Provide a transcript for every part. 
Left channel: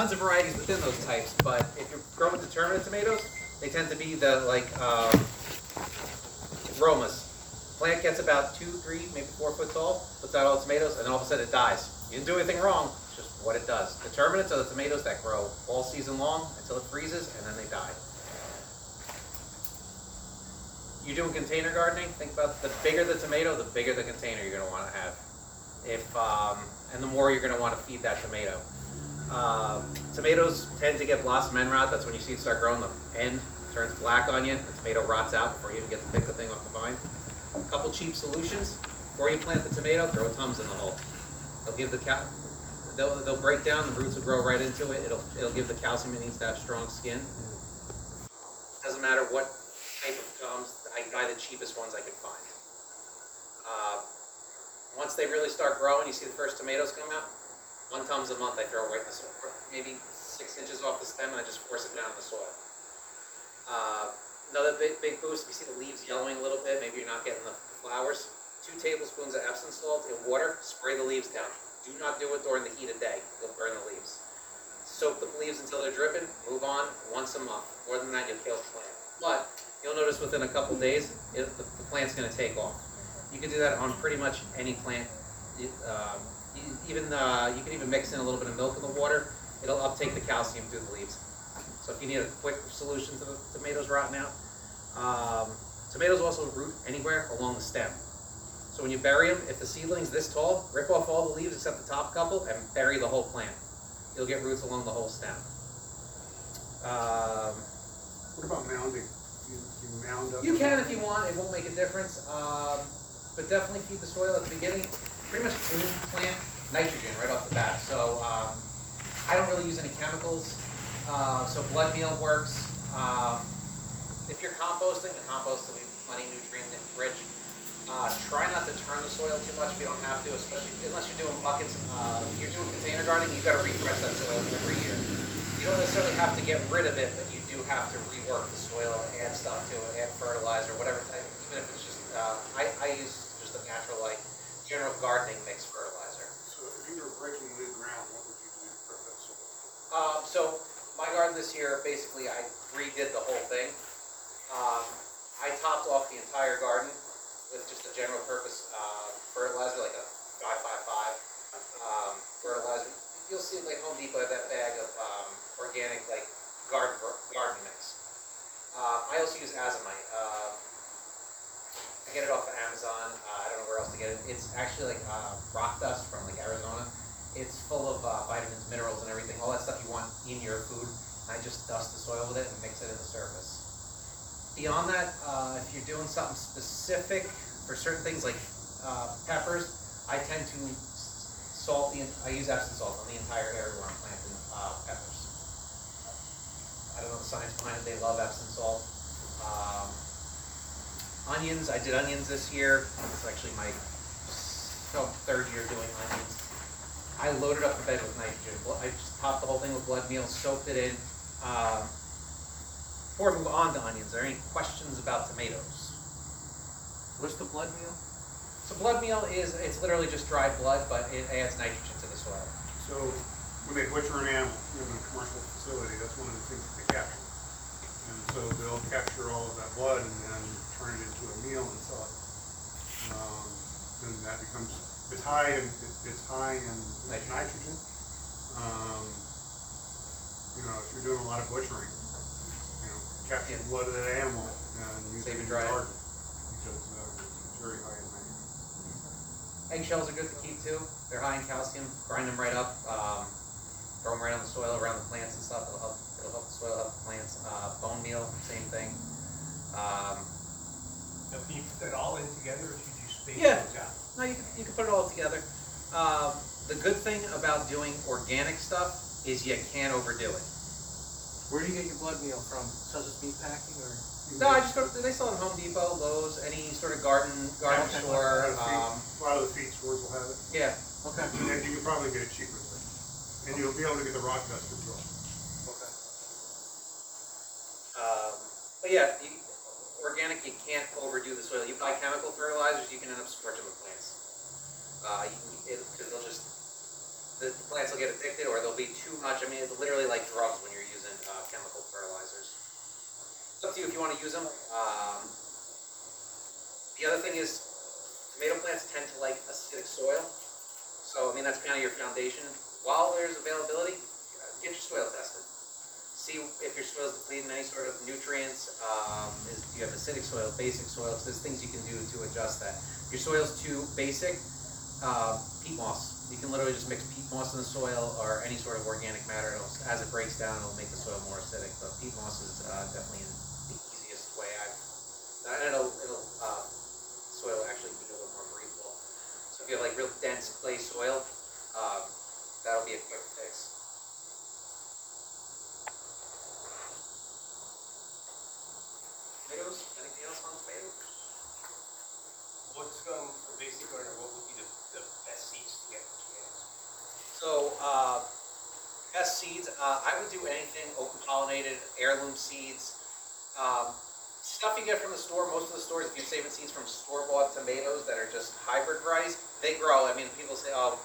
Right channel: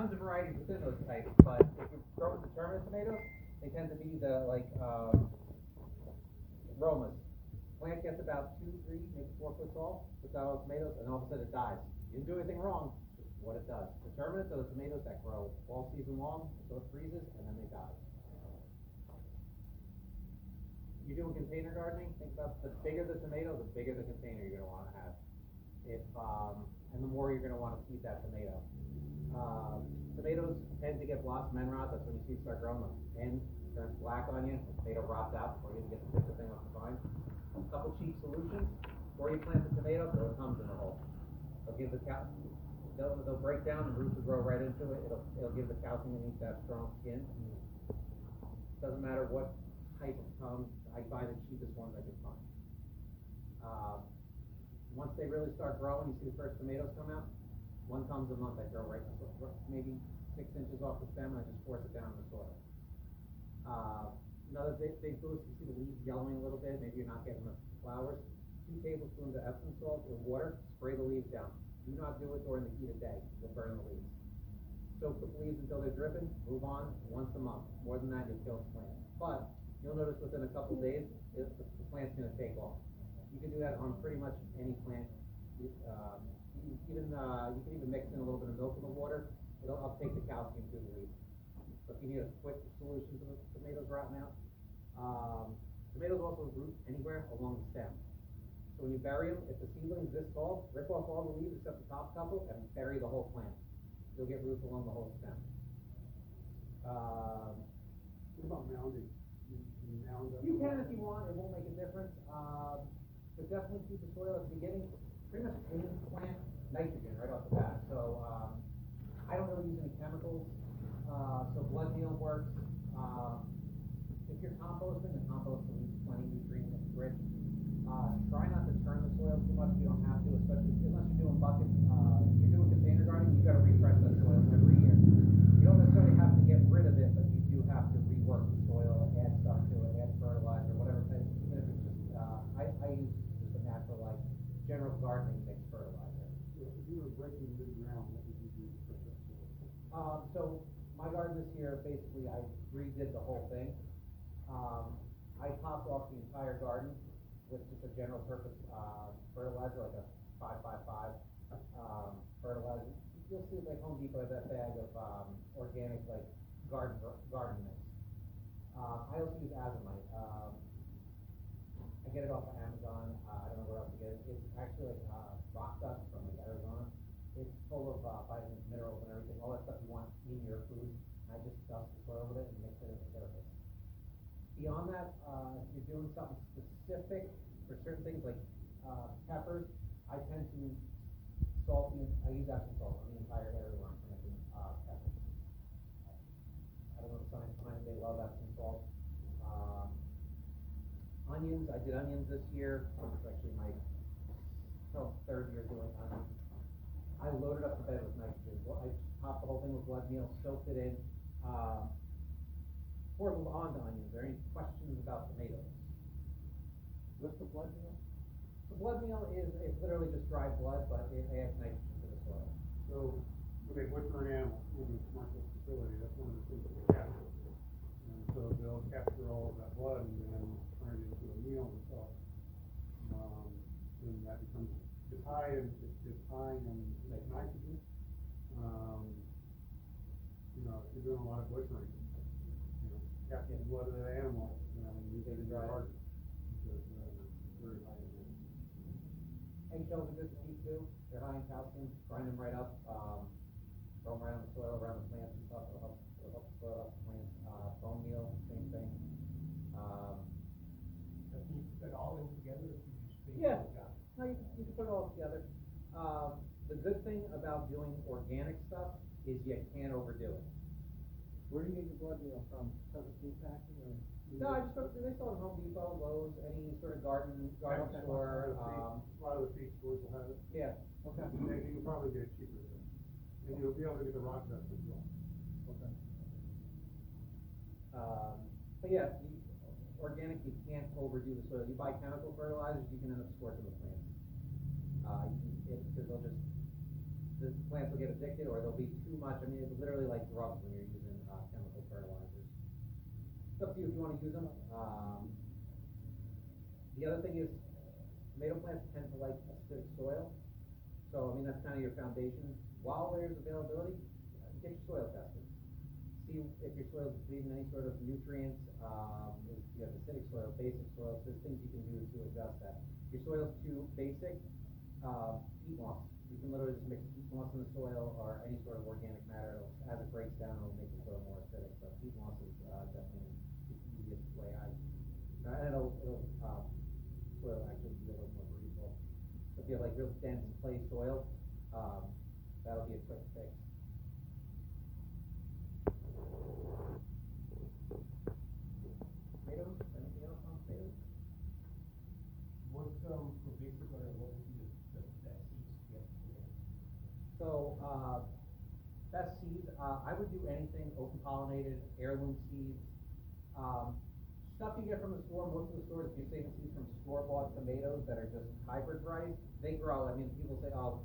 tons of varieties within those types, but if you're growing determinate tomatoes, they tend to be the Romas. Plant gets about 2, 3, maybe 4 foot tall, puts out all the tomatoes, and then all of a sudden it dies. You didn't do anything wrong, it's just what it does. Determinates are the tomatoes that grow all season long until it freezes, and then they die. You're doing container gardening, think about the bigger the tomato, the bigger the container you're going to want to have. And the more you're going to want to feed that tomato. Tomatoes tend to get blossom end rot. That's when you see it start growing. The end turns black on you. The tomato rots out before you even get to pick the thing off the vine. A couple cheap solutions. Before you plant the tomato, throw Tums in the hole. They'll give they'll break down. The roots will grow right into it. It'll give the calcium it needs to have strong skin. Doesn't matter what type of Tums. I buy the cheapest ones I can find. Once they really start growing, you see the first tomatoes come out. 1 Tums a month I throw right in the soil, maybe 6 inches off the stem, and I just force it down in the soil. Another big boost, if you see the leaves yellowing a little bit, maybe you're not getting the flowers. 2 tablespoons of Epsom salt in water, spray the leaves down. Do not do it during the heat of day, you'll burn the leaves. Soak the leaves until they're dripping, move on once a month. More than that, you'll kill the plant. But you'll notice within a couple days, the plant's going to take off. You can do that on pretty much any plant. You can even mix in a little bit of milk in the water. It'll uptake the calcium through the leaves. So if you need a quick solution to the tomatoes rotting out, tomatoes also root anywhere along the stem. So when you bury them, if the seedling's this tall, rip off all the leaves except the top couple and bury the whole plant. You'll get roots along the whole stem. What about mounding? You mound up? You can if you want. It won't make a difference. But definitely feed the soil at the beginning. Pretty much any plant nitrogen right off the bat. So I don't really use any chemicals. So blood meal works. If you're composting, the compost will be plenty nutrient rich. Try not to turn the soil too much if you don't have to, especially unless you're doing buckets. If you're doing container gardening, you've got to refresh that soil every year. You don't necessarily have to get rid of it, but you do have to rework the soil, add stuff to it, add fertilizer, whatever type, even if it's just, I use just a natural, general gardening mix fertilizer. So if you were breaking new ground, what would you do to prep that soil? So my garden this year, basically I redid the whole thing. I topped off the entire garden with just a general purpose fertilizer, like a 555 fertilizer. You'll see like Home Depot have that bag of organic garden mix. I also use azomite. I get it off of Amazon. I don't know where else to get it. It's actually like rock dust from Arizona. It's full of vitamins, minerals, and everything. All that stuff you want in your food. I just dust the soil with it and mix it in the surface. Beyond that, if you're doing something specific for certain things like peppers, I tend to I use Epsom salt on the entire area where I'm planting peppers. I don't know the science behind it. They love Epsom salt. Onions, I did onions this year. It's actually my 3rd year doing onions. I loaded up the bed with nitrogen. I just topped the whole thing with blood meal, soaked it in. Before we move on to onions, are there any questions about tomatoes? What's the blood meal? So blood meal it's literally just dried blood, but it adds nitrogen to the soil. So when they butcher an animal in a commercial facility, that's one of the things that they capture. And so they'll capture all of that blood and then turn it into a meal and sell it. And that becomes, it's high in nitrogen. If you're doing a lot of butchering, capture the blood of that animal and use it in your garden because it's very high in nitrogen. Eggshells are good to keep too. They're high in calcium. Grind them right up. Throw them right on the soil around the plants and stuff. It'll help the soil, help the plants. Bone meal, same thing. Now, can you put that all in together, or should you space those out? No, you can put it all together. The good thing about doing organic stuff is you can't overdo it. Where do you get your blood meal from? Such Meat Packing, or? No, I just go. They sell it at Home Depot, Lowe's, any sort of garden store. A lot of the feed stores will have it. Yeah. Okay. And you can probably get it cheaper too. And you'll be able to get the rock dust as well. Okay. But yeah, organic, you can't overdo the soil. You buy chemical fertilizers, you can end up scorching the plants. Because they'll just the plants will get addicted, or they'll be too much. I mean, it's literally like drugs when you're using chemical fertilizers. It's up to you if you want to use them. The other thing is, tomato plants tend to like acidic soil. So, I mean, that's kind of your foundation. While there's availability, get your soil tested. See if your soil is depleted in any sort of nutrients. Do you have acidic soil, basic soil? So there's things you can do to adjust that. If your soil's too basic, peat moss. You can literally just mix peat moss in the soil or any sort of organic matter. As it breaks down, it'll make the soil more acidic. But peat moss is definitely the easiest way. It'll soil actually be a little more breathable. So if you have like real dense clay soil, that'll be a quick fix. Tomatoes? Anything else on tomatoes? What's, for basic gardener, what would be the best seeds to get for tomatoes? So, best seeds, I would do anything open pollinated, heirloom seeds. Stuff you get from the store, most of the stores, if you're saving seeds from store-bought tomatoes that are just hybrid varieties, they grow. I mean, people say, oh,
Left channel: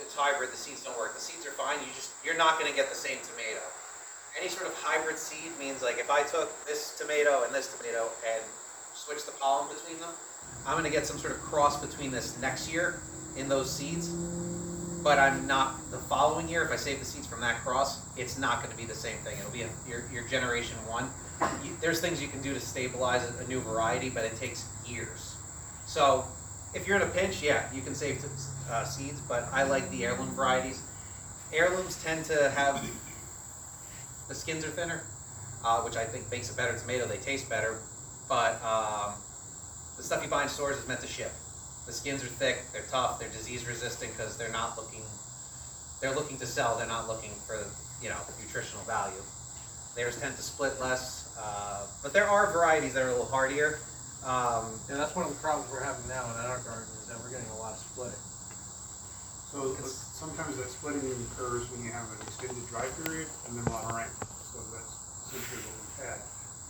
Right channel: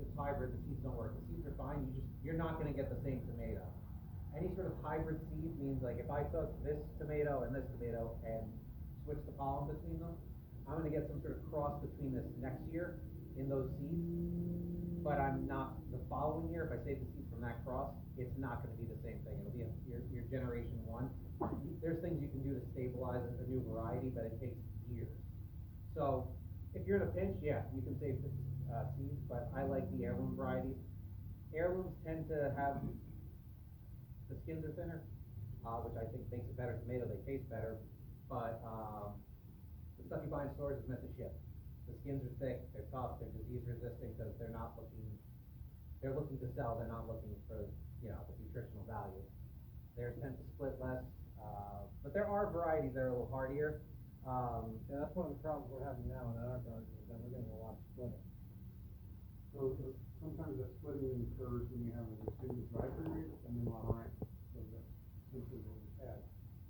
it's hybrid, the seeds don't work. The seeds are fine, you're not gonna get the same tomato. Any sort of hybrid seed means, like, if I took this tomato and switched the pollen between them, I'm gonna get some sort of cross between this next year in those seeds. But I'm not, the following year, if I save the seeds from that cross, it's not gonna be the same thing. It'll be your generation one. There's things you can do to stabilize a new variety, but it takes years. So if you're in a pinch, yeah, you can save seeds, but I like the heirloom varieties. Heirlooms tend to have, the skins are thinner, which I think makes a better tomato. They taste better, but the stuff you buy in stores is meant to ship. The skins are thick, they're tough, they're disease resistant because they're looking to sell, they're not looking for, nutritional value. Theirs tend to split less, but there are varieties that are a little hardier. And that's one of the problems we're having now in our garden, is that we're getting a lot of splitting. So sometimes that splitting occurs when you have an extended dry period and then a lot of rain. So that's essentially what we've had.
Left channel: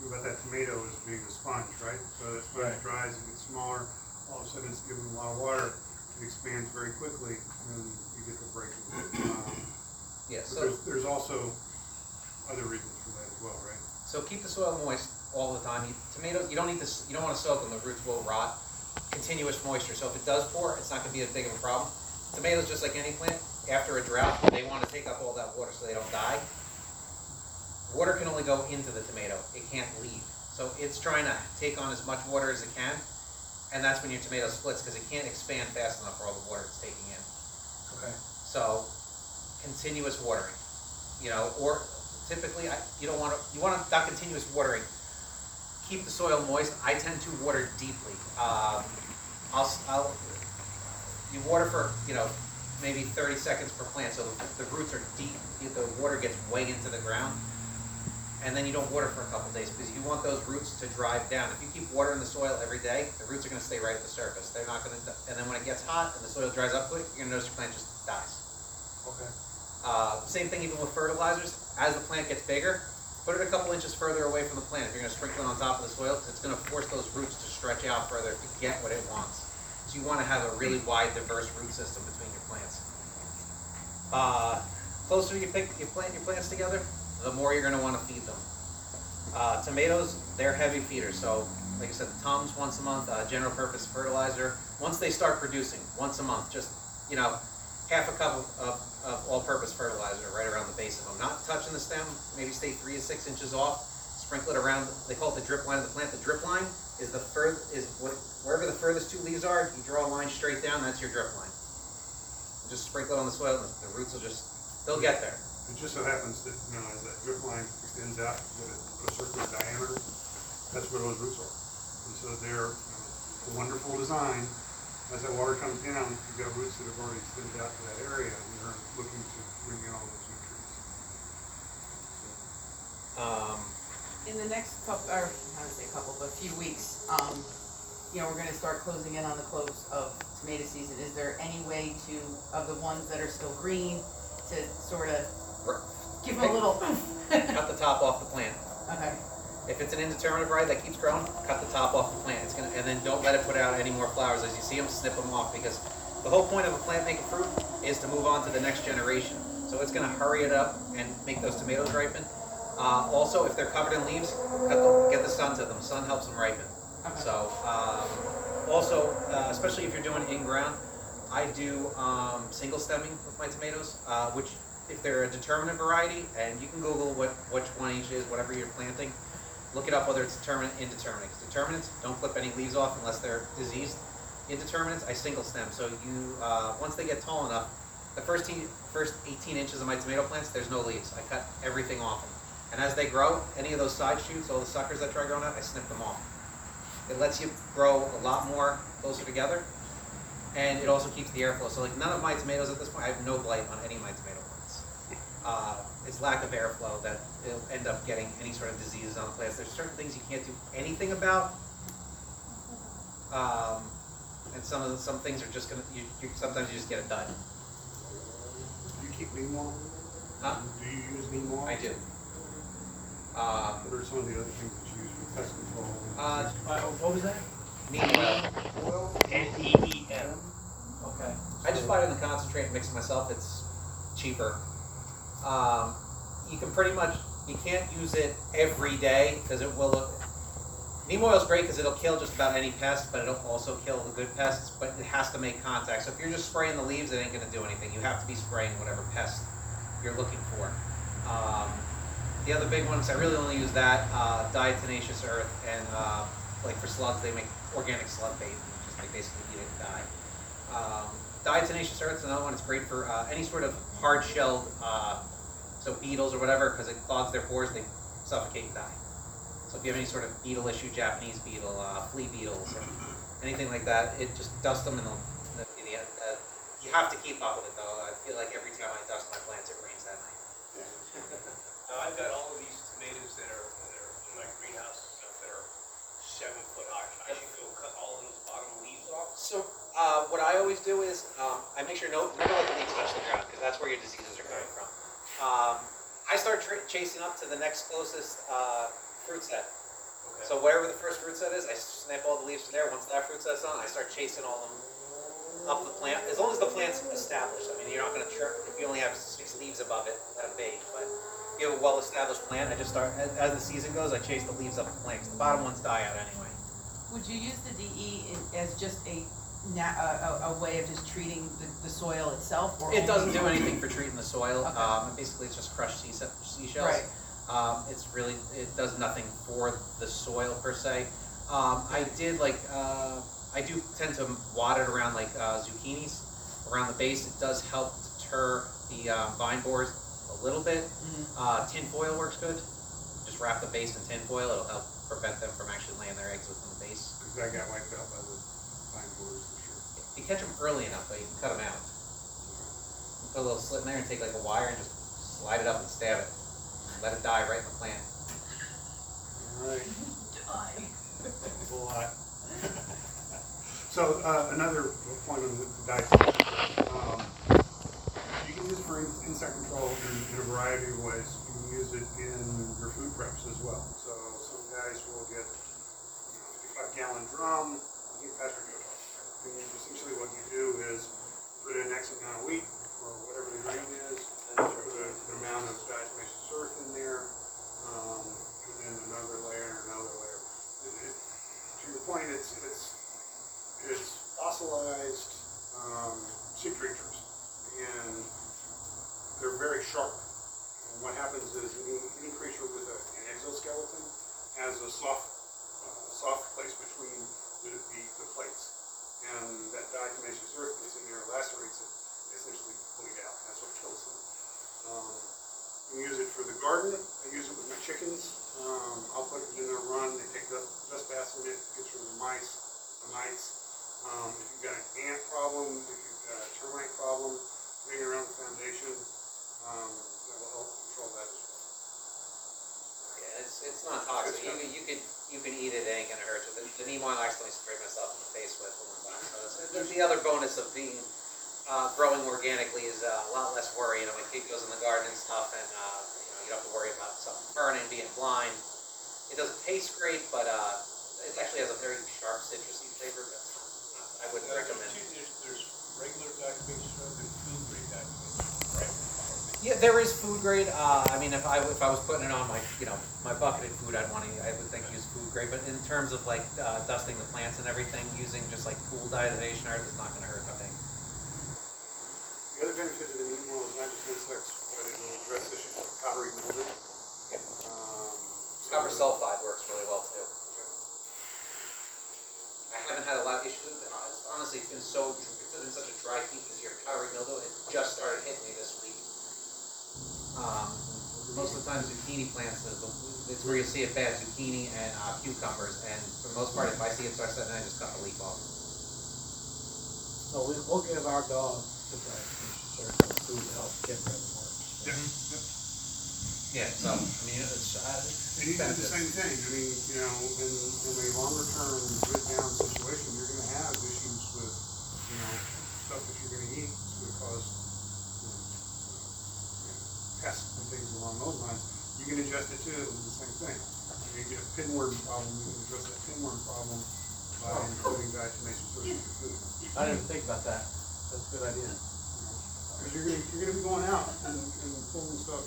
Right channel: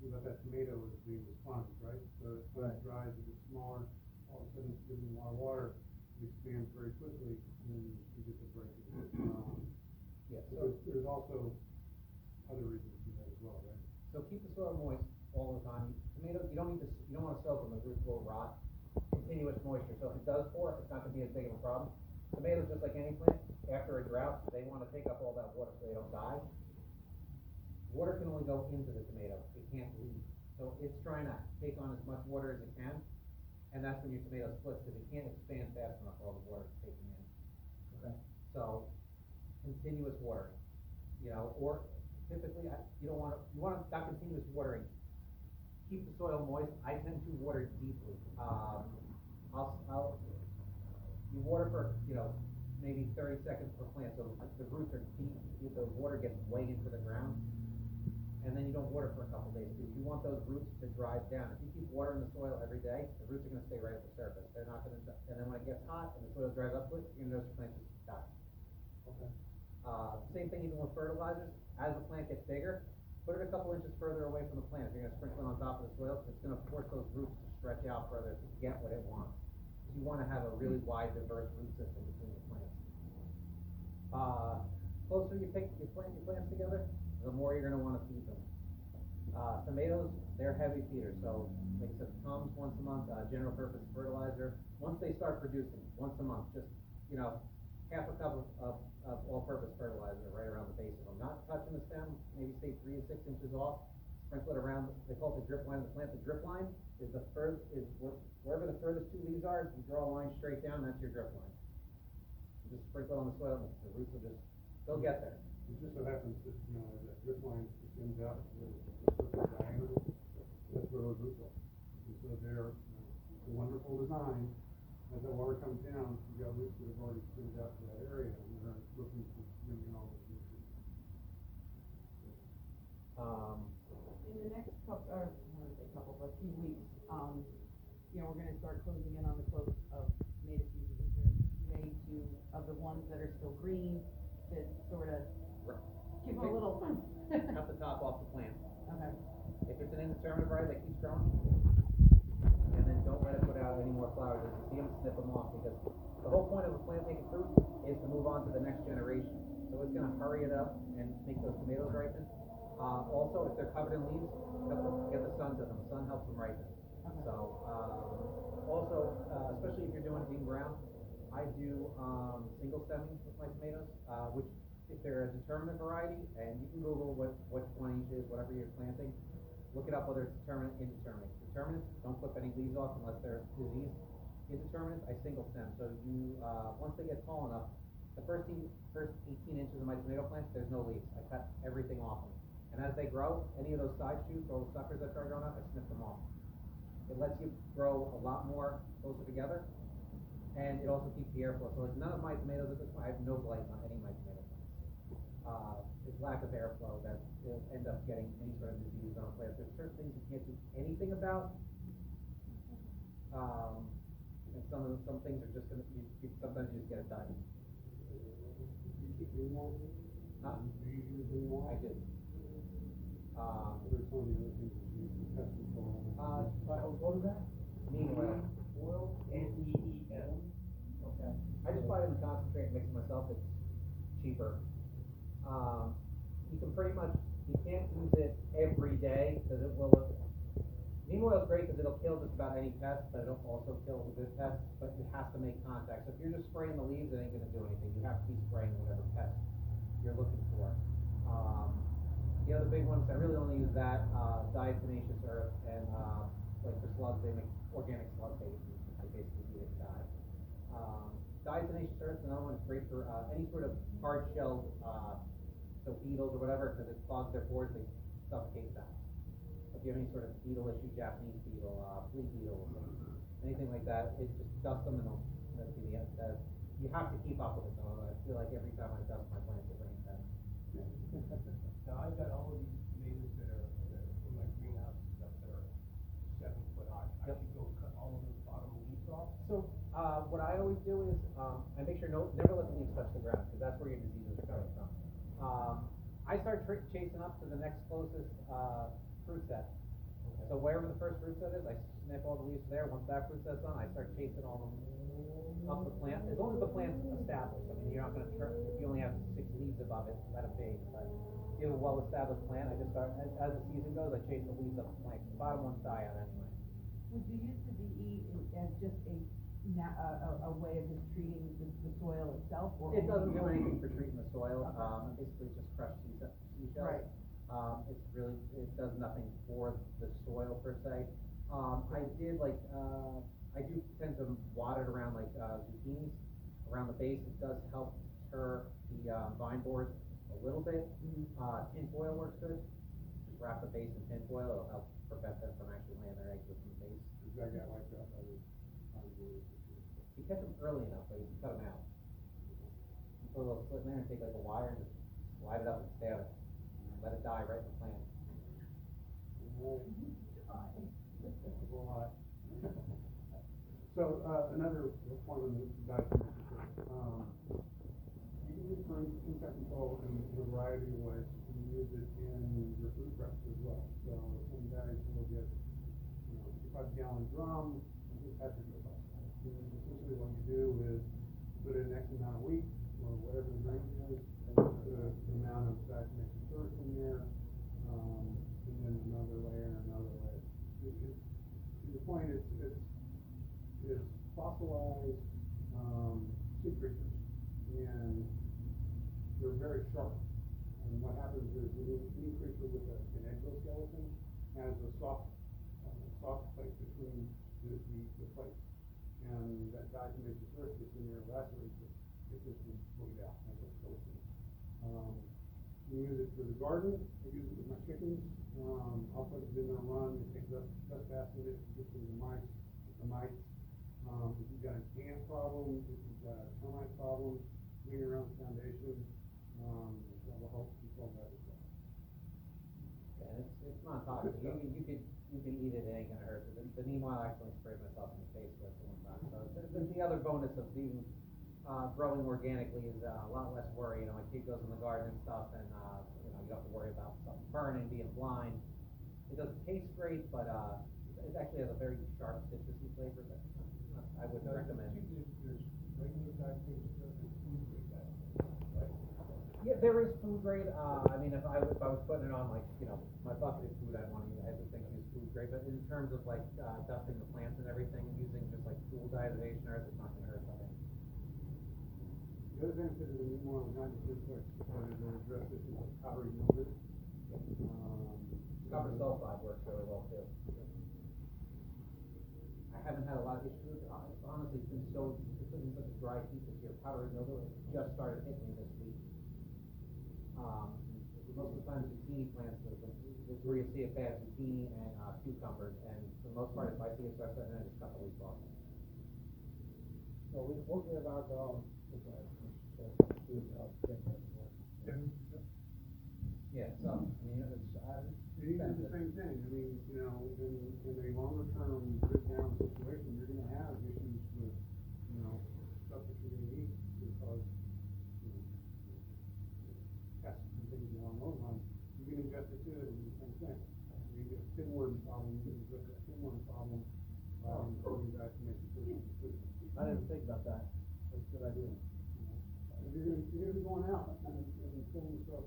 Think about that tomato as being a sponge, right? So that sponge dries, it gets smaller, all of a sudden it's given a lot of water, it expands very quickly, and then you get the break. But there's also other reasons for that as well, right? So keep the soil moist all the time. Tomatoes, you don't want to soak them, the roots will rot. Continuous moisture, so if it does pour, it's not going to be as big of a problem. Tomatoes, just like any plant, after a drought, they want to take up all that water so they don't die. Water can only go into the tomato, it can't leave. So it's trying to take on as much water as it can, and that's when your tomato splits, because it can't expand fast enough for all the water it's taking in. Okay. So, continuous watering, or typically, you want not continuous watering. Keep the soil moist. I tend to water deeply. You water for, maybe 30 seconds per plant, so the roots are deep, the water gets way into the ground, and then you don't water for a couple days, because you want those roots to drive down. If you keep watering the soil every day, the roots are gonna stay right at the surface. They're not gonna, and then when it gets hot and the soil dries up quick, you're gonna notice your plant just dies. Okay. Same thing even with fertilizers. As the plant gets bigger, put it a couple inches further away from the plant. If you're gonna sprinkle it on top of the soil, it's gonna force those roots to stretch out further to get what it wants. So you wanna have a really wide, diverse root system between your plants. Closer you plant your plants together, the more you're gonna wanna feed them. Tomatoes, they're heavy feeders, so like I said, Tums once a month, general purpose fertilizer. Once they start producing, once a month, just, half a cup of all-purpose fertilizer right around the base of them. Not touching the stem, maybe stay 3 to 6 inches off, sprinkle it around, they call it the drip line of the plant. The drip line is wherever the furthest 2 leaves are, you draw a line straight down, that's your drip line. Just sprinkle it on the soil, and the roots they'll get there. It just so happens that, as that drip line extends out at a circular diameter, that's where those roots are. And so they're a wonderful design. As that water comes down, you've got roots that have already extended out to that area, and they're looking to bring in all those nutrients. In the next few weeks, we're gonna start closing in on the close of tomato season. Is there any way of the ones that are still green, to sort of give them a little Cut the top off the plant. Okay. If it's an indeterminate variety that keeps growing, cut the top off the plant. And then don't let it put out any more flowers as you see them. Snip them off, because The whole point of a plant making fruit is to move on to the next generation. So it's going to hurry it up and make those tomatoes ripen. Also, if they're covered in leaves, get the sun to them. Sun helps them ripen. Okay. So, also, especially if you're doing in ground, I do single stemming with my tomatoes, which if they're a determinate variety, and you can Google which one each is, whatever you're planting, look it up whether it's determinate, indeterminate. Determinates, don't clip any leaves off unless they're diseased. Indeterminates, I single stem. So you, once they get tall enough, the first 18 inches of my tomato plants, there's no leaves. I cut everything off them. And as they grow, any of those side shoots, all the suckers that try growing out, I snip them off. It lets you grow a lot more closer together, and it also keeps the airflow. So like none of my tomatoes at this point, I have no blight on any of my tomato plants. It's lack of airflow that it'll end up getting any sort of diseases on the plants. There's certain things you can't do anything about, and some things are just gonna. Sometimes you just get it done. Do you keep neem oil? Huh? Do you use neem oil? I do. What are some of the other things that you use for pest control? What was that? Neem oil. Oil? NEEM. Okay. I just buy it in the concentrate and mix it myself. It's cheaper. You can pretty much, you can't use it every day because it will look, neem oil is great because it'll kill just about any pest, but it'll also kill the good pests, but it has to make contact. So if you're just spraying the leaves, it ain't gonna do anything. You have to be spraying whatever pest you're looking for. The other big ones, I really only use that, diatomaceous earth, and like for slugs, they make organic slug bait, which is they basically eat it and die. Diatomaceous earth is another one. It's great for any sort of hard-shelled, so beetles or whatever, because it clogs their pores, they suffocate and die. So if you have any sort of beetle issue, Japanese beetle, flea beetles, or anything like that, it just dust them, and you have to keep up with it though. I feel like every time I dust my plants, it rains that night. Now, I've got all of these tomatoes that are in my greenhouse and stuff that are 7 foot high. I should go cut all of those bottom leaves off. So what I always do is I make sure never let the leaves touch the ground because that's where your diseases are coming from. I start chasing up to the next closest fruit set. Okay. So wherever the first fruit set is, I snip all the leaves from there. Once that fruit set's on, I start chasing all them up the plant. As long as the plant's established. I mean, you're not going to if you only have 6 leaves above it, let it be. But if you have a well-established plant, I just start as the season goes. I chase the leaves up the plant 'cause the bottom ones die out anyway. Would you use the DE as just a way of just treating the soil itself? Or It doesn't do anything for treating the soil. Okay. Basically, it's just crushed seashells. Right. It does nothing for the soil per se. I do tend to wad it around like zucchinis around the base. It does help deter the vine borers a little bit. Mhm. Tin foil works good. Just wrap the base in tin foil. It'll help prevent them from actually laying their eggs within the base. Because that got wiped out by the vine borers this year. If you catch them early enough, though, you can cut them out. You put a little slit in there and take like a wire and just slide it up and stab it. Let it die right in the plant. Alright. A lot. So, another point on the diet. You can use it for insect control in a variety of ways. You can use it in your food preps as well. So some guys will get, 55-gallon drum, you can pasture goat. And essentially what you do is put in X amount of wheat, or whatever the grain is, and put an amount of diatomaceous earth in there, and then another layer, to your point, it's fossilized sea creatures, and they're very sharp. And what happens is any creature with an exoskeleton has a soft place between the plates, and that diatomaceous earth that's in there lacerates it, essentially bleed out. That's what kills them. You can use it for the garden. I use it with my chickens. I'll put it in a run. They take dust baths in it, gets rid of the mites. If you've got an ant problem, if you've got a termite problem, maybe around the foundation, that will help control that as well. Yeah, it's not toxic. You can eat it. It ain't gonna hurt you. The neem oil I accidentally sprayed myself in the face with for one time. So it's the other bonus of being growing organically is a lot less worry. My kid goes in the garden and stuff, and you don't have to worry about something burning, being blind. It doesn't taste great, but it actually has a very sharp citrusy flavor. But I wouldn't recommend. There's regular evacuation or the food grade evacuation, right? Yeah, there is food grade. I mean, if I was putting it on my, my bucketed food, I would think use food grade. But in terms of like dusting the plants and everything, using just like pool diatomation earth is not going to hurt. I think. The other benefit of the neem oil is not just insects, but it will address issues like powdery mildew. Copper sulfide works really well too. I haven't had a lot of issues with it. Honestly, it's been such a dry heat this year. Powdery mildew, it just started hitting me this week. Most of the time, zucchini plants it's where you'll see it bad. Zucchini and cucumbers, and for the most part, if I see it start setting, I just cut the leaf off. So we'll give our dog certain food to help get rid of the worms. Yeah. So I mean, it's And you do the same thing. I mean, in a longer term good down situation, you're going to have issues with, stuff that you're going to eat. It's going to cause pests and things along those lines. You can ingest it too, the same thing. You get a pinworm problem, you can address that pinworm problem by including diatomaceous earth in your food. I didn't even think about that. That's a good idea. Because you're going to be going out and pulling stuff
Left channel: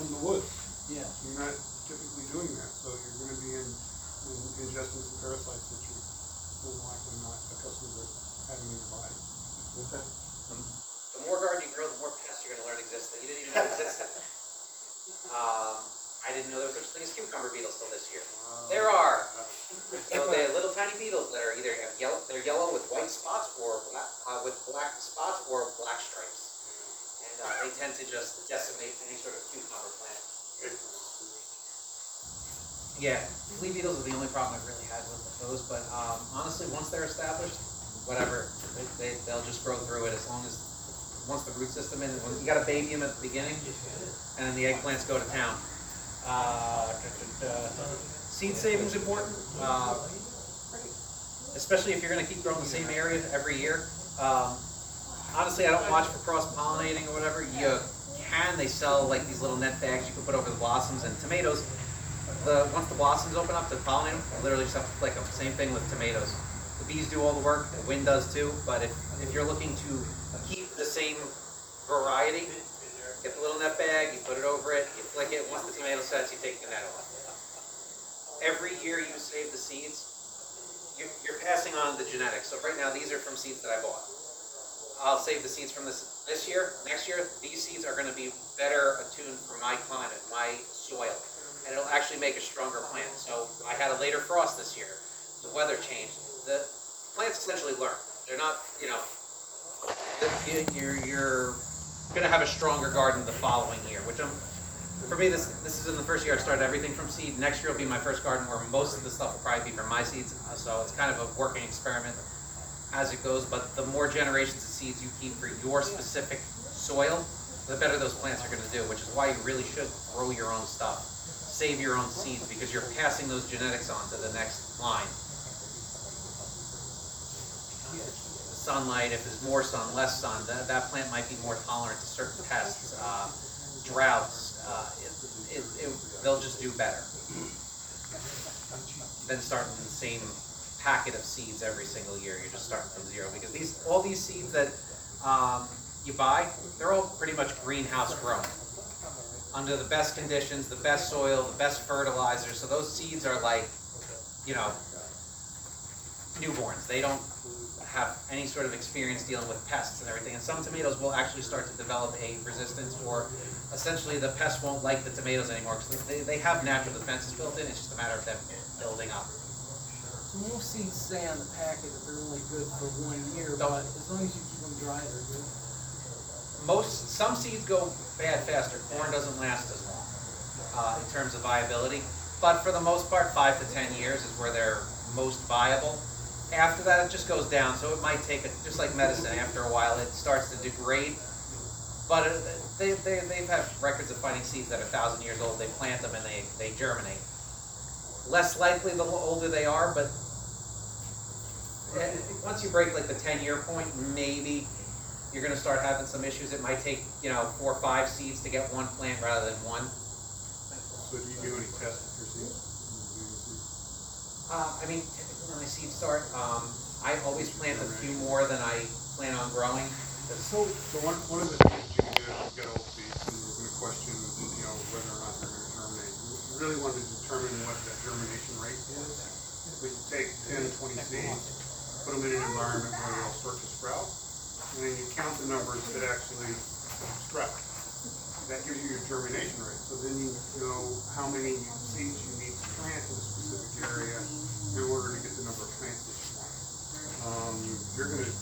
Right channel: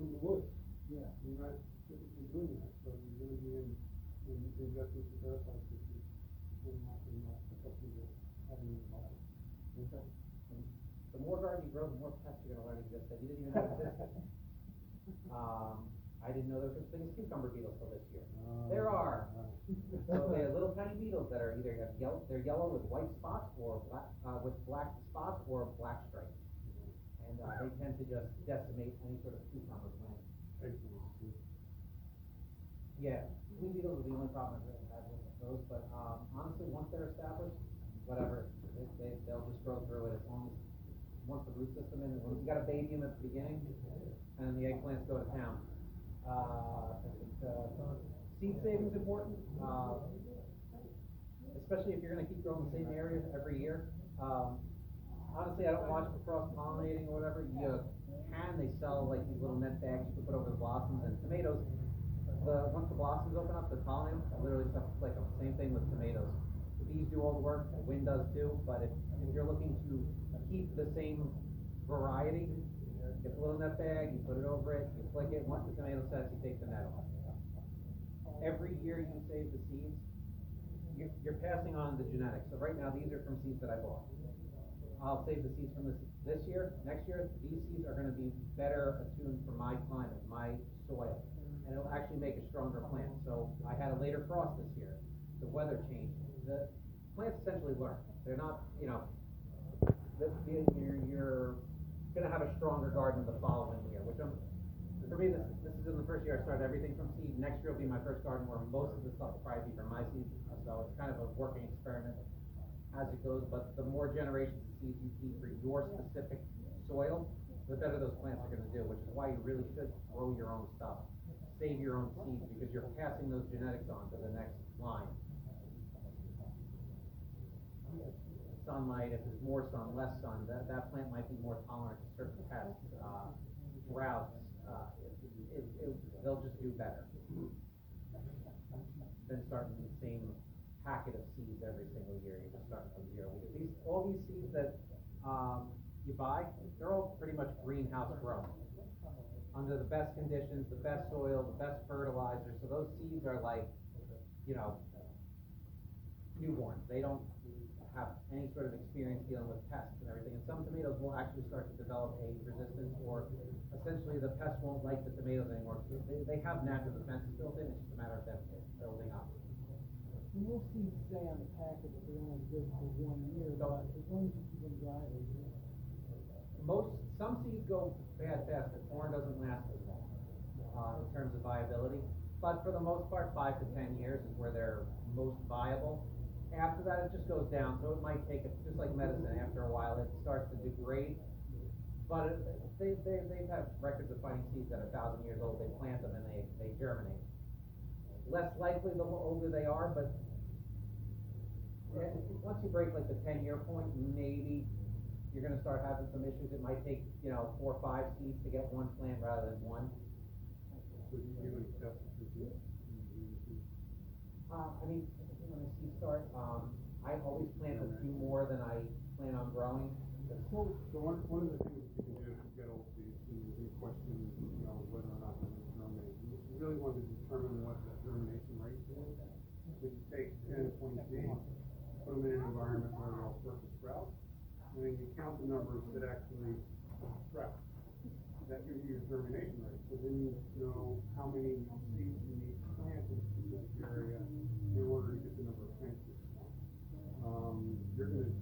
from the woods. Yeah. You're not typically doing that, so you're going to be ingesting some parasites that you're more than likely not accustomed to having in your body. Okay. The more garden you grow, the more pests you're going to learn exist that you didn't even know existed. I didn't know there was such a thing as cucumber beetles till this year. There are. So they're little tiny beetles that are either they're yellow with white spots or with black spots or black stripes, and they tend to just decimate any sort of cucumber plant. Yeah, flea beetles are the only problem I've really had with those, but honestly, once they're established, whatever, they'll just grow through it as long as once the root system in. You got to baby them at the beginning, and then the eggplants go to town. Seed saving is important, especially if you're going to keep growing the same area every year. Honestly, I don't watch for cross-pollinating or whatever. They sell like these little net bags you can put over the blossoms, and tomatoes, once the blossoms open up to pollinate them, you literally just have to flick them. Same thing with tomatoes. The bees do all the work, the wind does too, but if you're looking to keep the same variety, get the little net bag, you put it over it, you flick it, once the tomato sets, you take the net off. Every year you save the seeds, you're passing on the genetics. So right now, these are from seeds that I bought. I'll save the seeds from this year. Next year, these seeds are going to be better attuned for my climate, my soil, and it'll actually make a stronger plant. So I had a later frost this year. The weather changed. The plants essentially learn. They're not, you're going to have a stronger garden the following year, which for me, this is in the first year I started everything from seed. Next year will be my first garden where most of the stuff will probably be from my seeds. So it's kind of a working experiment as it goes, but the more generations of seeds you keep for your specific soil, the better those plants are going to do, which is why you really should grow your own stuff. Save your own seeds because you're passing those genetics on to the next line. Sunlight, if there's more sun, less sun, that plant might be more tolerant to certain pests, droughts. They'll just do better than starting the same packet of seeds every single year. You're just starting from zero because all these seeds that you buy, they're all pretty much greenhouse grown under the best conditions, the best soil, the best fertilizer. So those seeds are like, newborns. They don't have any sort of experience dealing with pests and everything. And some tomatoes will actually start to develop a resistance, or essentially the pests won't like the tomatoes anymore because they have natural defenses built in. It's just a matter of them building up. So most seeds say on the packet that they're only good for 1 year, Don't- but as long as you keep them dry, they're good. Some seeds go bad faster. Corn doesn't last as long in terms of viability, but for the most part, 5 to 10 years is where they're most viable. After that, it just goes down. So it might take just like medicine. After a while, it starts to degrade. But they've had records of finding seeds that are 1,000 years old. They plant them and they germinate. Less likely the older they are, but once you break like the 10-year point, maybe you're going to start having some issues. It might take 4 or 5 seeds to get one plant rather than one. So do you do any tests with your seeds? Typically when my seeds start, I always plant a few more than I plan on growing. So one of the things you can do if you get old seeds and you're gonna question, you know, whether or not they're gonna germinate, you really want to determine what that germination rate is. We can take 10, 20 seeds, put them in an environment where they'll start to sprout, and then you count the numbers that actually sprout. That gives you your germination rate, so then you know how many seeds you need to plant in a specific area in order to get the number of plants that you want. You're gonna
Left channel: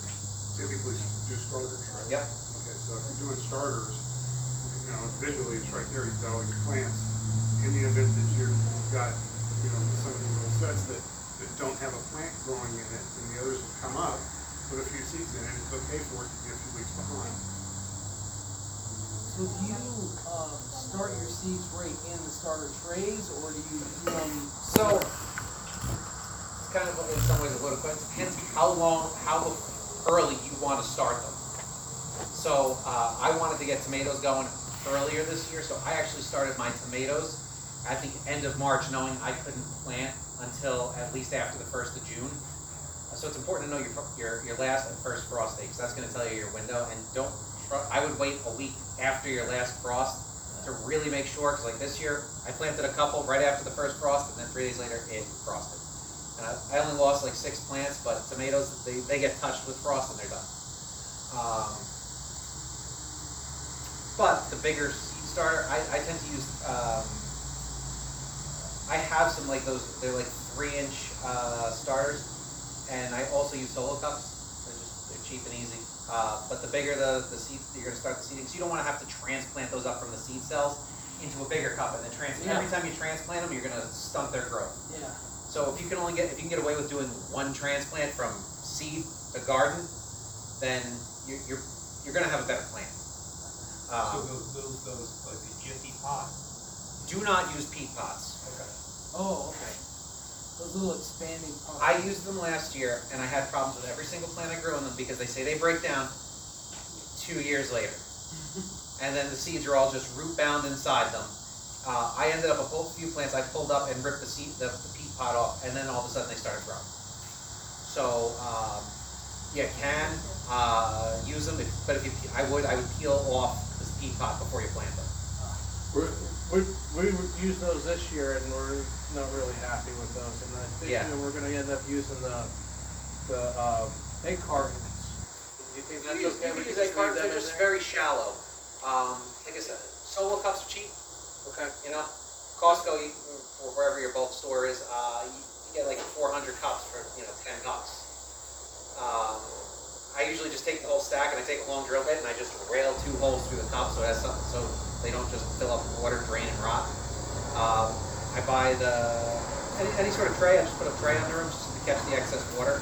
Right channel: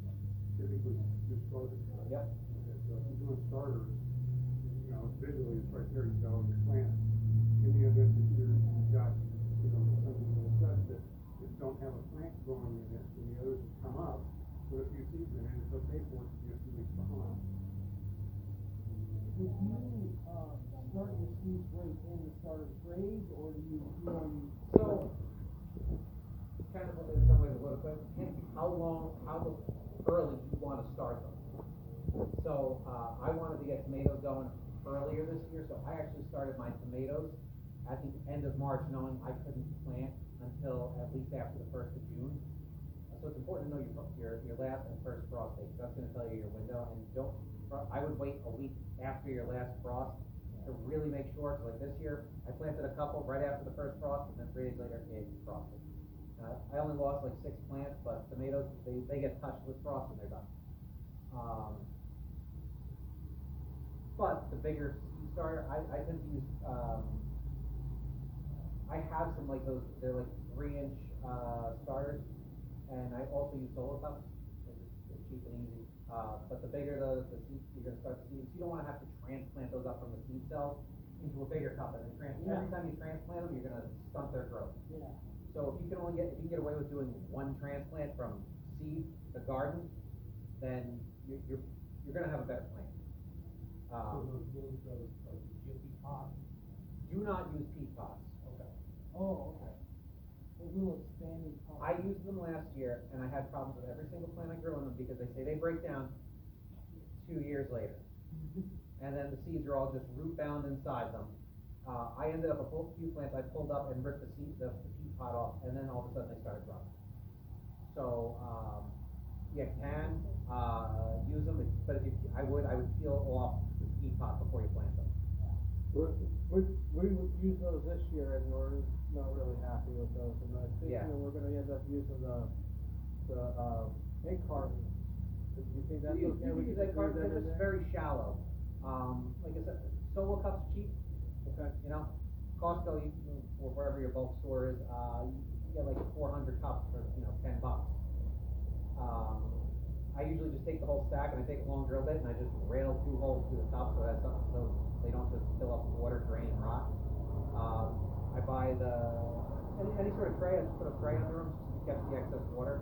typically do starters, right? Yep. Okay, so if you're doing starters, you know, visually it's right there, you've got all your plants. In the event that you've got, you know, some of these little sets that don't have a plant growing in it, and the others have come up, put a few seeds in it, it's okay for it to be a few weeks behind. So do you, start your seeds right in the starter trays, or do you do them? So, it's kind of in some ways a little question, depends how early you want to start them. So, I wanted to get tomatoes going earlier this year, so I actually started my tomatoes at the end of March, knowing I couldn't plant until at least after the 1st of June. So it's important to know your last and first frost date, because that's going to tell you your window. And I would wait a week after your last frost to really make sure, because like this year, I planted a couple right after the first frost, and then 3 days later, it frosted. And I only lost like 6 plants, but tomatoes, they get touched with frost and they're done. But the bigger seed starter, I tend to use, I have some like those, they're like 3-inch starters, and I also use solo cups. They're cheap and easy. But the bigger the seed, you're gonna start the seeding, so you don't wanna have to transplant those up from the seed cells into a bigger cup, and then every time you transplant them, you're gonna stunt their growth. Yeah. So if you can get away with doing one transplant from seed to garden, then you're gonna have a better plant. So those like the jiffy pot? Do not use peat pots. Okay. Oh, okay. Those little expanding pots. I used them last year, and I had problems with every single plant I grew in them because they say they break down 2 years later. And then the seeds are all just root bound inside them. I ended up a few plants I pulled up and ripped the peat pot off, and then all of a sudden they started growing. So you can use them, but I would peel off this peat pot before you plant them. We used those this year and we're not really happy with those, and I think Yeah. that we're gonna end up using the egg cartons. Do you think that's You okay? can We use just egg cartons, leave they're them in just there? very shallow. Like I said, solo cups are cheap. Okay. You know, Costco, or wherever your bulk store is, you get like 400 cups for 10 bucks. I usually just take the whole stack and I take a long drill bit and I just rail 2 holes through the cup so it has something, so they don't just fill up with water, drain, and rot. I buy any sort of tray. I just put a tray under them just to catch the excess water.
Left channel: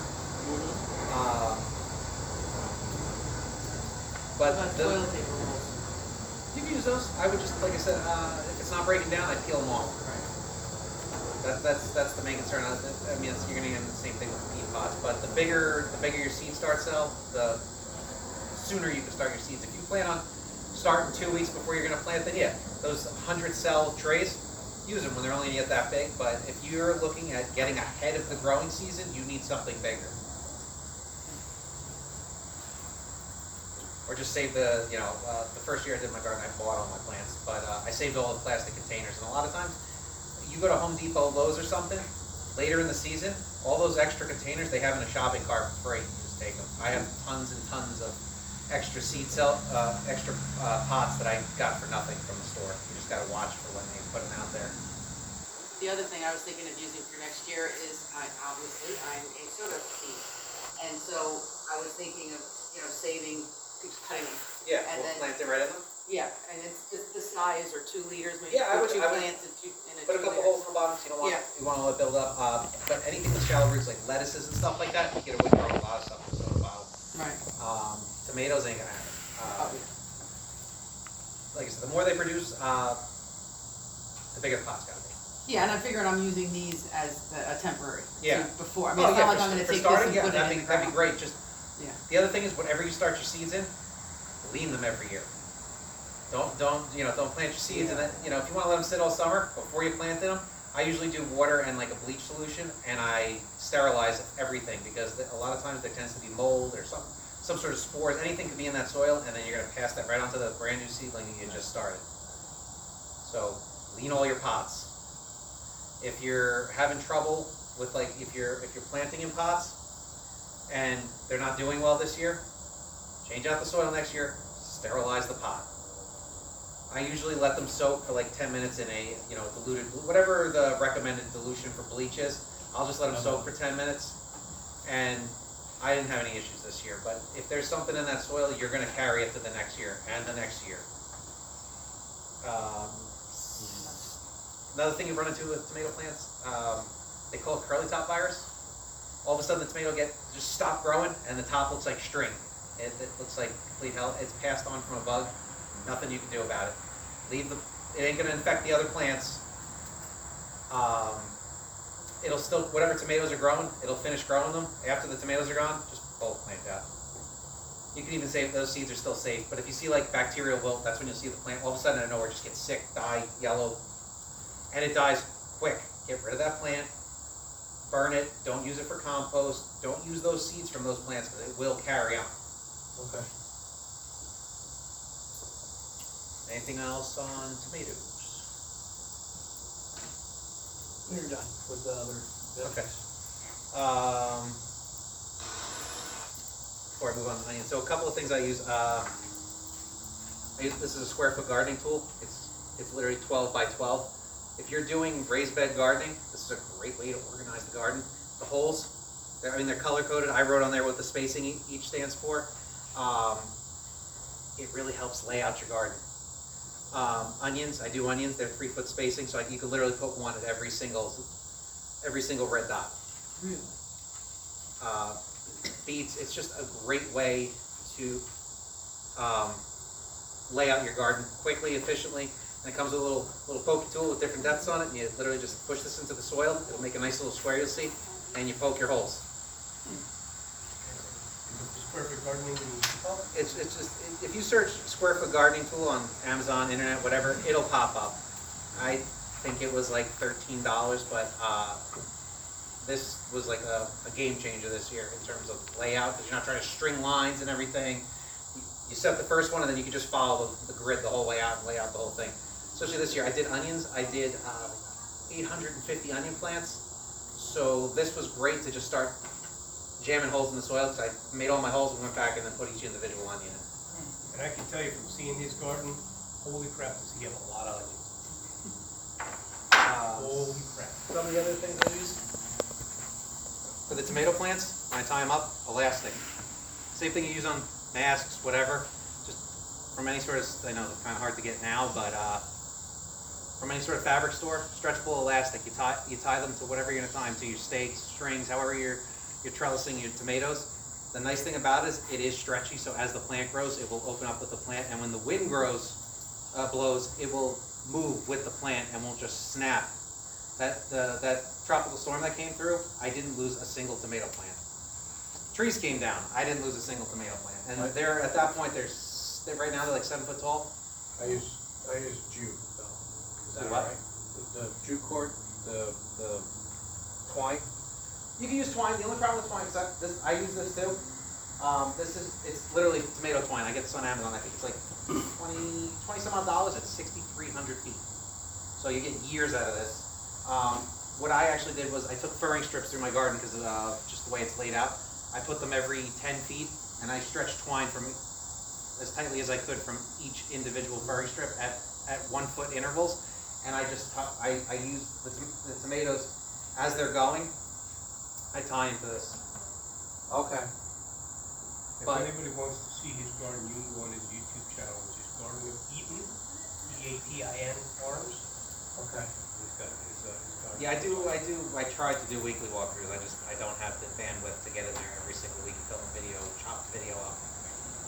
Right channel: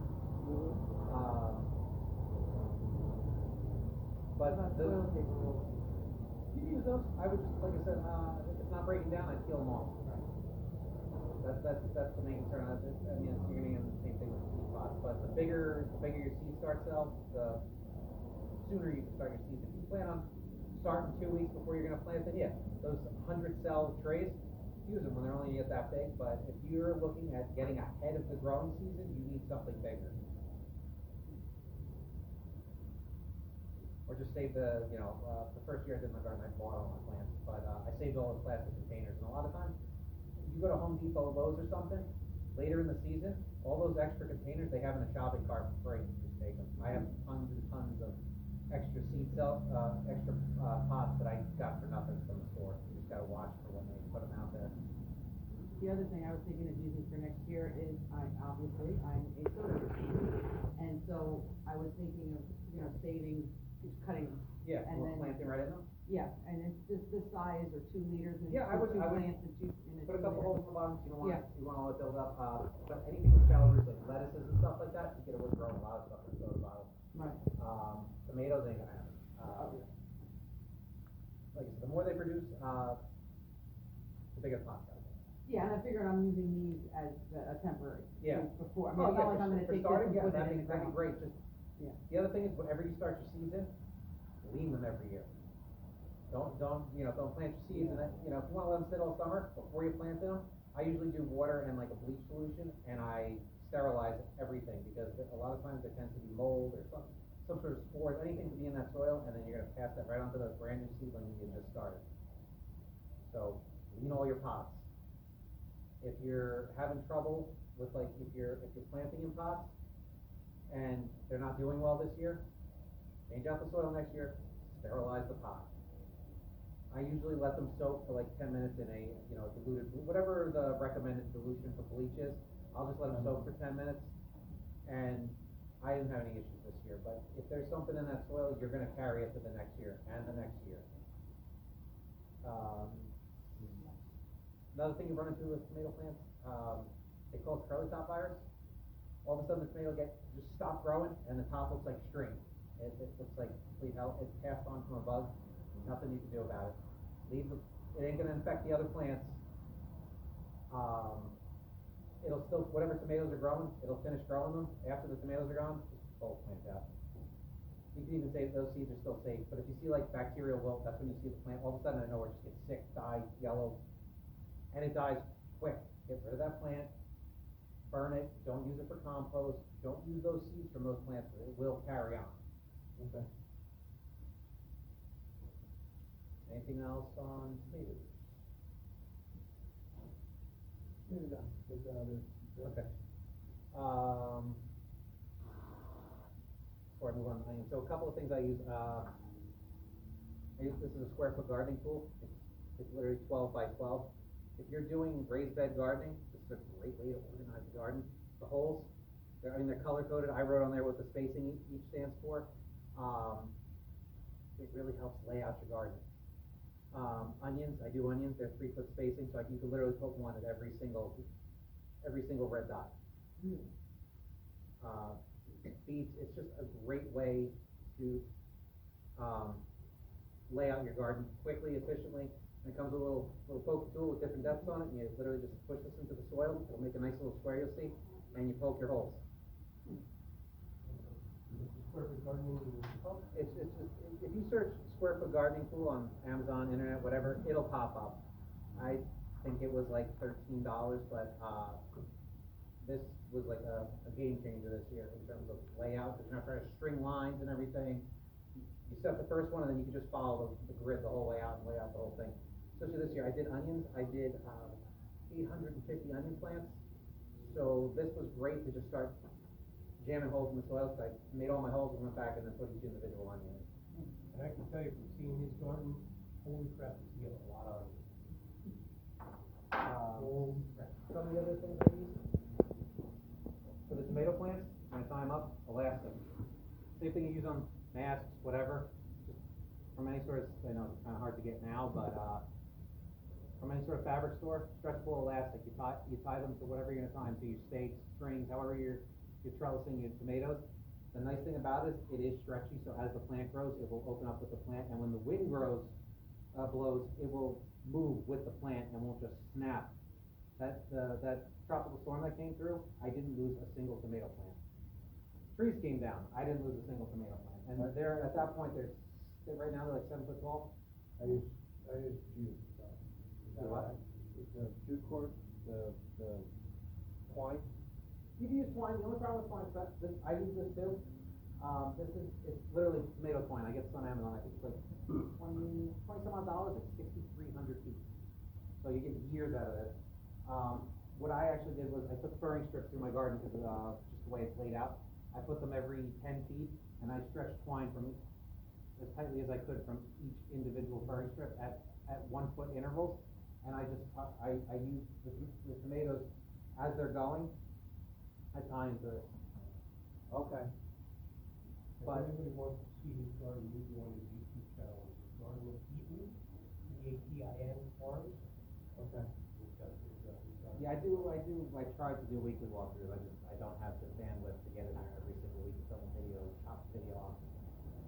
But About the, toilet paper rolls. you can use those. I would just, like I said, if it's not breaking down, I peel them off. That's the main concern. I mean, you're gonna get the same thing with peat pots. But the bigger your seed start cell, the sooner you can start your seeds. If you plan on starting 2 weeks before you're gonna plant, then yeah, those 100 cell trays, use them when they're only yet that big. But if you're looking at getting ahead of the growing season, you need something bigger. Or just save the first year I did my garden, I bought all my plants, but I saved all the plastic containers. And a lot of times, you go to Home Depot, Lowe's or something, later in the season, all those extra containers they have in a shopping cart for free. You just take them. I have tons and tons of extra extra pots that I got for nothing from the store. You just gotta watch for when they put them out there. The other thing I was thinking of using for next year is, I'm a soda machine. And so I was thinking of, saving, cutting them. Yeah, And we'll then- plant it right in them. Yeah, and it's just the size or 2 liters, maybe Yeah, I put would- 2 I would plants in a 2 Put a couple holes in the bottom so you don't want Yeah. you want all it build up. But anything with shallow roots like lettuces and stuff like that, you get away from a lot of stuff with soda bottle. Right. Tomatoes ain't gonna happen. Like I said, the more they produce, the bigger the pot's gotta be. Yeah, and I'm figuring I'm using these as a temporary. Yeah. So before, I mean, it's not like I'm gonna for take starting, this and yeah, put it in the that'd be ground. great. Just Yeah. the other thing is, whenever you start your seeds in, lean them every year. Don't plant your seeds and then if you want to let them sit all summer before you plant them. I usually do water and like a bleach solution, and I sterilize everything because a lot of times there tends to be mold or some sort of spores, anything could be in that soil, and then you're gonna pass that right onto the brand new seedling that you just started. So, lean all your pots. If you're having trouble with if you're planting in pots, and they're not doing well this year, change out the soil next year, sterilize the pot. I usually let them soak for like 10 minutes in a, diluted, whatever the recommended dilution for bleach is. I'll just let them soak for 10 minutes, and I didn't have any issues this year. But if there's something in that soil, you're gonna carry it to the next year and the next year. Another thing you run into with tomato plants, they call it curly top virus. All of a sudden the tomato just stop growing and the top looks like string. It looks like complete hell. It's passed on from a bug. Nothing you can do about it. It ain't gonna infect the other plants. It'll still, whatever tomatoes are growing, it'll finish growing them. After the tomatoes are gone, just pull the plant out. You can even say those seeds are still safe, but if you see like bacterial wilt, that's when you'll see the plant all of a sudden out of nowhere just get sick, die, yellow, and it dies quick. Get rid of that plant, burn it, don't use it for compost, don't use those seeds from those plants because it will carry on. Okay. Anything else on tomatoes? You're done with the other. Okay. Before I move on to onions, so a couple of things I use. This is a square foot gardening tool. It's literally 12 by 12. If you're doing raised bed gardening, this is a great way to organize the garden. The holes, they're color coded. I wrote on there what the spacing each stands for. It really helps lay out your garden. Onions, I do onions. They're 3 foot spacing, so you can literally put one at every single red dot. Really? Beets, it's just a great way to lay out your garden quickly, efficiently. And it comes with a little pokey tool with different depths on it, and you literally just push this into the soil. It'll make a nice little square, you'll see, and you poke your holes. It's perfect gardening. It's just, if you search square foot gardening tool on Amazon, internet, whatever, it'll pop up. I think it was like $13, but this was like a game changer this year in terms of layout, because you're not trying to string lines and everything. You set the first one, and then you can just follow the grid the whole way out and lay out the whole thing. Especially this year, I did onions. I did 850 onion plants. So this was great to just start jamming holes in the soil, because I made all my holes and went back and then put each individual onion in. And I can tell you from seeing his garden, holy crap, does he have a lot of onions. Holy crap. Some of the other things I use for the tomato plants, when I tie them up, elastic. Same thing you use on masks, whatever. Just from any sort of, I know it's kind of hard to get now, but from any sort of fabric store, stretchable elastic. You tie them to whatever you're gonna tie them to, your stakes, strings, however you're trellising your tomatoes. The nice thing about it is it is stretchy, so as the plant grows, it will open up with the plant, and when the wind blows, it will move with the plant and won't just snap. That tropical storm that came through, I didn't lose a single tomato plant. Trees came down, I didn't lose a single tomato plant, and they're at that point right now they're like 7 foot tall. I use jute though. Is that what? right? The jute cord, the twine. You can use twine. The only problem with twine is I use this too. It's literally tomato twine. I get this on Amazon. I think it's like 20 some odd dollars. It's 6,300 feet. So you get years out of this. What I actually did was I took furring strips through my garden because just the way it's laid out. I put them every 10 feet, and I stretched twine from as tightly as I could from each individual furring strip at 1 foot intervals. And I just I use the tomatoes as they're going. I tie into this. Okay. If But- anybody wants to see his garden, you can go on his YouTube channel, which is Garden of Eaton, E-A-T-I-N Farms. Okay. He's got his garden. Yeah, I try to do weekly walkthroughs. I don't have the bandwidth to get in there every single week and film a video, chop the video up.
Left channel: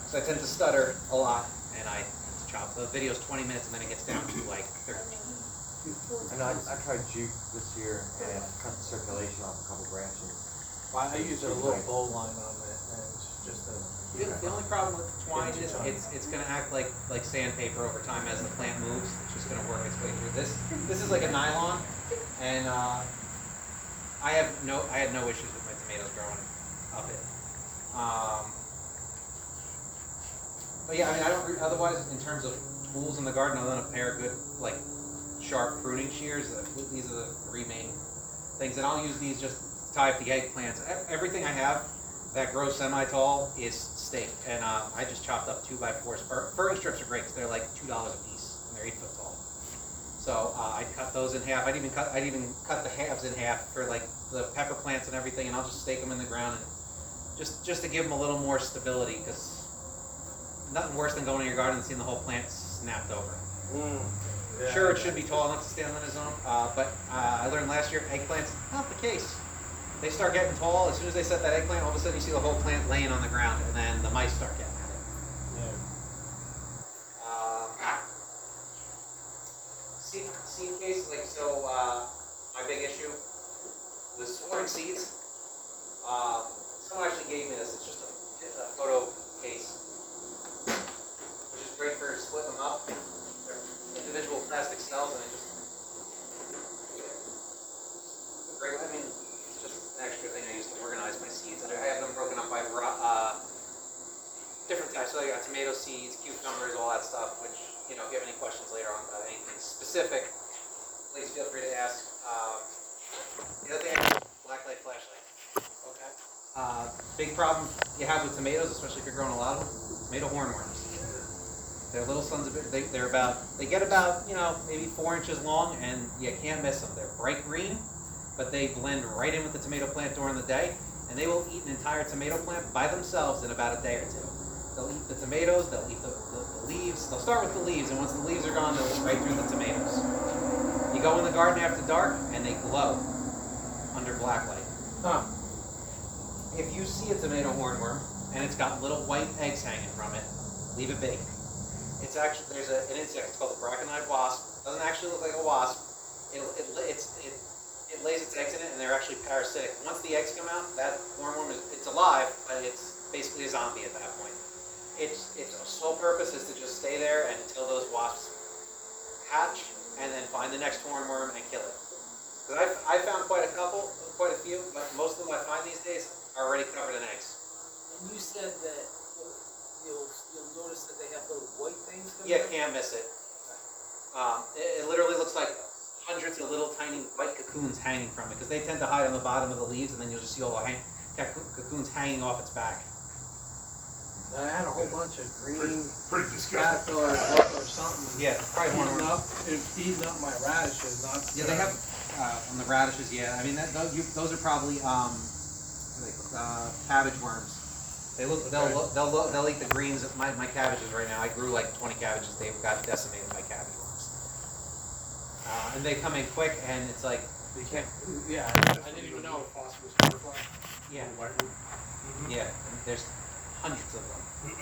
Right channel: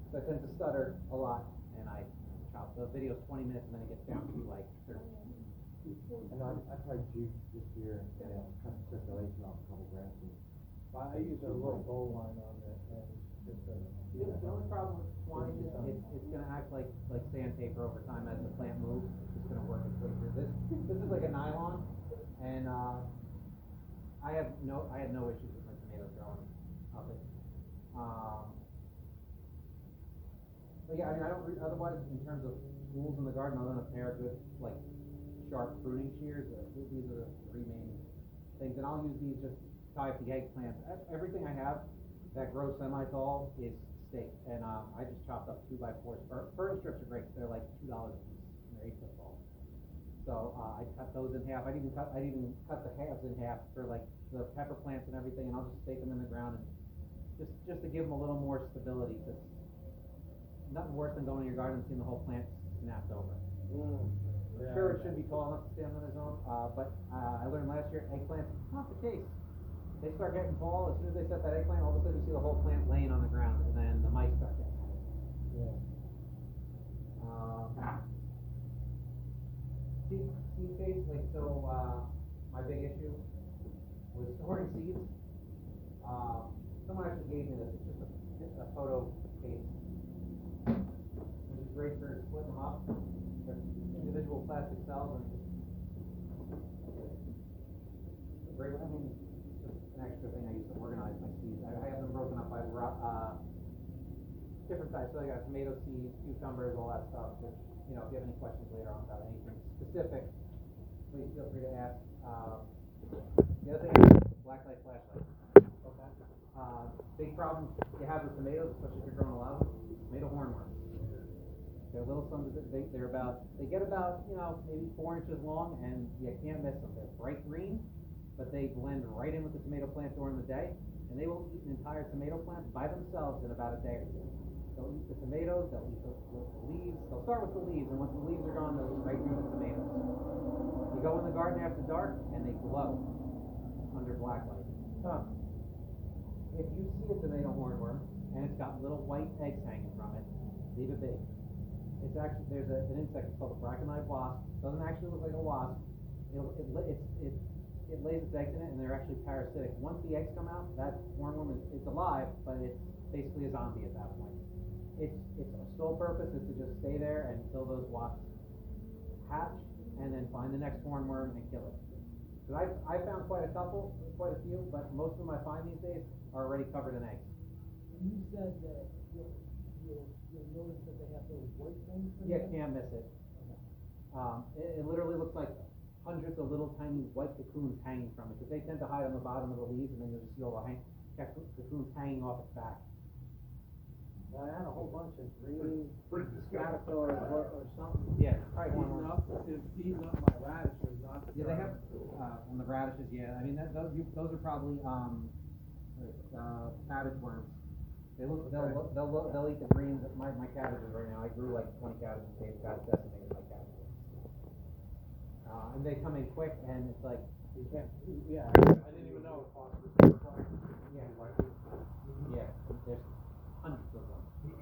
So I tend to stutter a lot, and I chop the video's 20 minutes, and then it gets down to like 13. I know, I tried jute this year and cut the circulation off a couple branches. Well, I use a little bow line on it, and it's just a. The only problem with twine is it's going to act like sandpaper over time as the plant moves. It's just going to work its way through. This is like a nylon, and I had no issues with my tomatoes growing up it. But yeah, I mean, I don't, otherwise, in terms of tools in the garden, other than a pair of good, like, sharp pruning shears, these are the three main things, and I'll use these just to tie up the eggplants. Everything I have that grows semi-tall is staked, and I just chopped up 2x4s. Furry strips are great, because they're like $2 a piece, and they're 8 foot tall. So I'd cut those in half. I'd even cut the halves in half for like the pepper plants and everything, and I'll just stake them in the ground, and just to give them a little more stability, because nothing worse than going in your garden and seeing the whole plant snapped over. Sure, it should be tall enough to stand on its own, but I learned last year, eggplants, not the case. They start getting tall, as soon as they set that eggplant, all of a sudden you see the whole plant laying on the ground, and then the mice start getting at it. Seed case, like, so, my big issue was storing seeds. Someone actually gave me this, it's just a photo case, which is great for splitting them up. They're individual plastic cells, and it just, great, I mean, it's just an extra thing I use to organize my seeds. I have them broken up by different types, so I got tomato seeds, cucumbers, all that stuff, which, you know, if you have any questions later on about anything specific, please feel free to ask. The other thing, blacklight flashlight. Okay. Big problem you have with tomatoes, especially if you're growing a lot of them, tomato hornworms. They're little sons of it. They get about, you know, maybe 4 inches long, and you can't miss them. They're bright green, but they blend right in with the tomato plant during the day, and they will eat an entire tomato plant by themselves in about a day or two. They'll eat the tomatoes, they'll eat the leaves. They'll start with the leaves, and once the leaves are gone, they'll eat right through the tomatoes. You go in the garden after dark, and they glow under black light. Huh. If you see a tomato hornworm, and it's got little white eggs hanging from it, leave it be. It's actually, there's an insect, it's called the braconide wasp. Doesn't actually look like a wasp. It lays its eggs in it, and they're actually parasitic. Once the eggs come out, that hornworm it's alive, but it's basically a zombie at that point. Its sole purpose is to just stay there until those wasps hatch, and then find the next hornworm and kill it. Because I found quite a few, but most of them I find these days are already covered in eggs. And you said that you'll notice that they have little white things coming Yeah, out? can't miss it. It literally looks like hundreds of little tiny white cocoons hanging from it, because they tend to hide on the bottom of the leaves, and then you'll just see all the cocoons hanging off its back. I had a whole bunch of green Pretty disgusting. caterpillars or something. Yeah, probably Eating hornworm. up, it's eating up my radishes, not. Yeah, they have on the radishes. Yeah, I mean those are probably cabbage worms. They'll eat the greens. My cabbages right now, I grew like 20 cabbages. They got decimated by cabbage worms. And they come in quick, and it's like You can't, yeah, I didn't even know. Phosphorus butterfly. yeah, White one. yeah. There's hundreds of them.